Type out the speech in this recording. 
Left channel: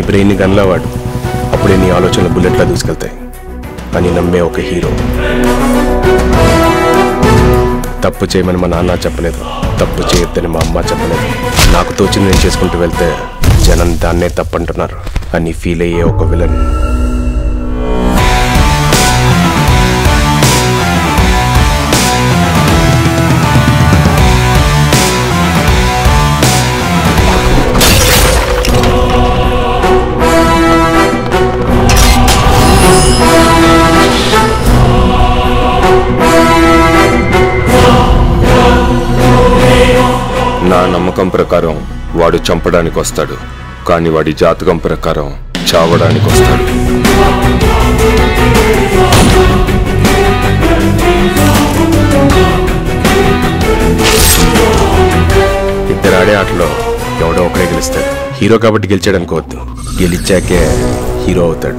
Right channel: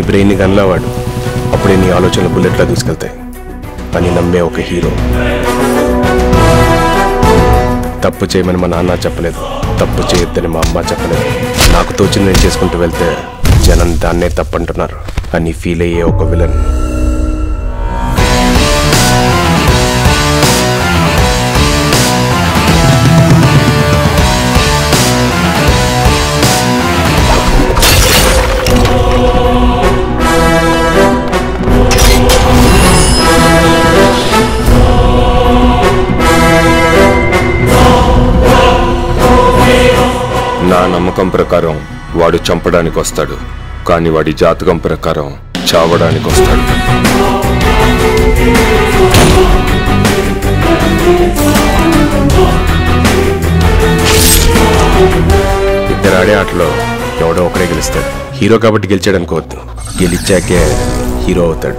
నీ బ్రెయిన్ని గన్లా వాడు, అప్పుడే నీ ఆలోచనలు బుల్లెట్లా దూసుకెళ్తాయి అని నమ్మే ఒక హీరో. తప్పు చేయమని మా నాన్న చెప్పలేదు, తప్పు చేయొద్దని మా అమ్మ చెప్పలేదు. నాకు తోచింది నేను చేసుకుంటూ వెళ్తే జనం దాన్నే తప్పంటున్నారు అని ఫీల్ అయ్యే ఒక విలన్. నా నమ్మకం ప్రకారం వాడు చంపడానికి వస్తాడు, కానీ వాడి జాతకం ప్రకారం చావడానికి వస్తాడు. ఇద్దరు ఆడే ఆటలో ఎవడో ఒకడే గెలుస్తాడు. హీరో కాబట్టి గెలిచాడు అనుకోవద్దు, గెలిచాకే హీరో అవుతాడు.